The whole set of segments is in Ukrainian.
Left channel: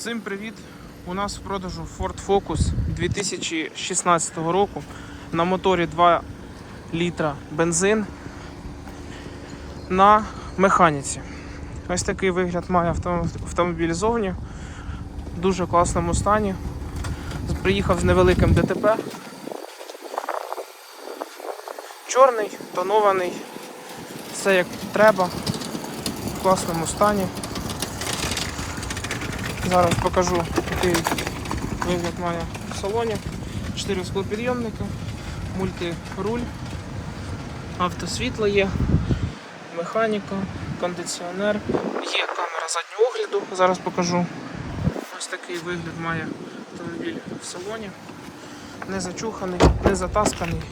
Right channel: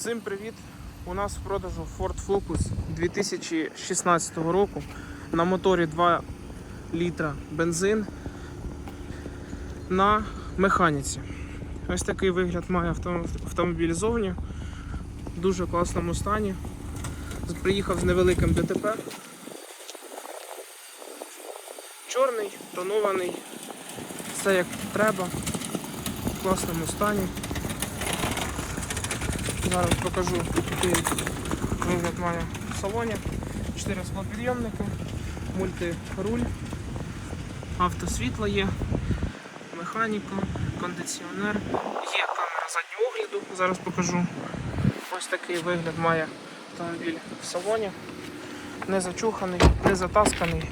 Всім привіт! У нас в продажу Ford Focus 2016 року на моторі 2 літра бензин на механіці. Ось такий вигляд має авто- автомобіль зовні. В дуже класному стані. Приїхав з невеликим ДТП. Чорний, тонований, все як треба, в класному стані. Зараз покажу, який вигляд має в салоні. 4 склопідйомники, мультируль, автосвітло є, механіка, кондиціонер, є камера заднього огляду, зараз покажу. Ось такий вигляд має автомобіль в салоні. Не зачуханий, не затасканий.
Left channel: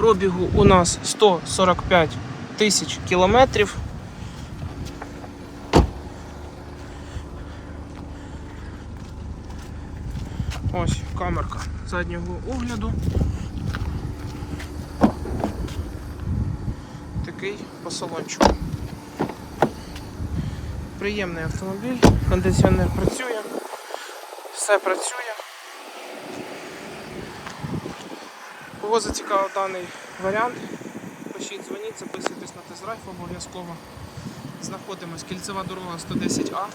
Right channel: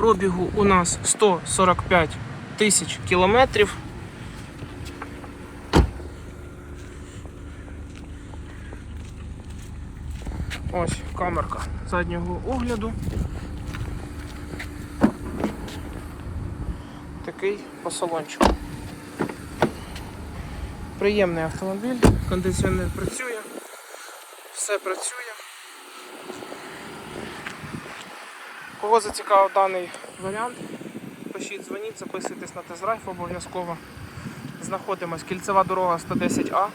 Пробігу у нас 145 тисяч кілометрів. Ось камерка заднього огляду. Такий по салончику. Приємний автомобіль, кондиціонер працює, все працює. Кого зацікавив даний варіант, пишіть, дзвоніть, записуйтесь на тест-драйв обов'язково. Знаходимось кільцева дорога 110А.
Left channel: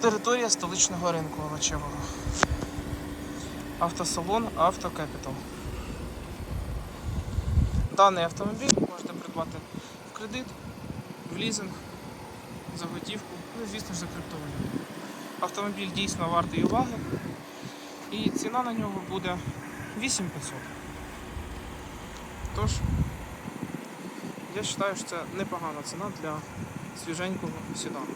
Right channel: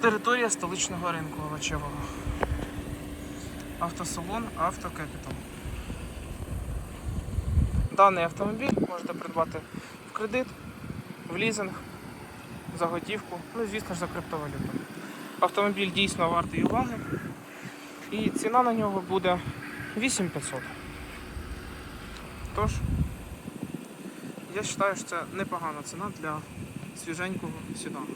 Територія столичного ринку овочевого. Автосалон Автокепітал. Даний автомобіль можете придбати в кредит, в лізинг, за готівку, ну і звісно ж за криптовалюту. Автомобіль дійсно вартий уваги. І ціна на нього буде 8500. Тож, я вважаю, що це непогана ціна для свіженького седану.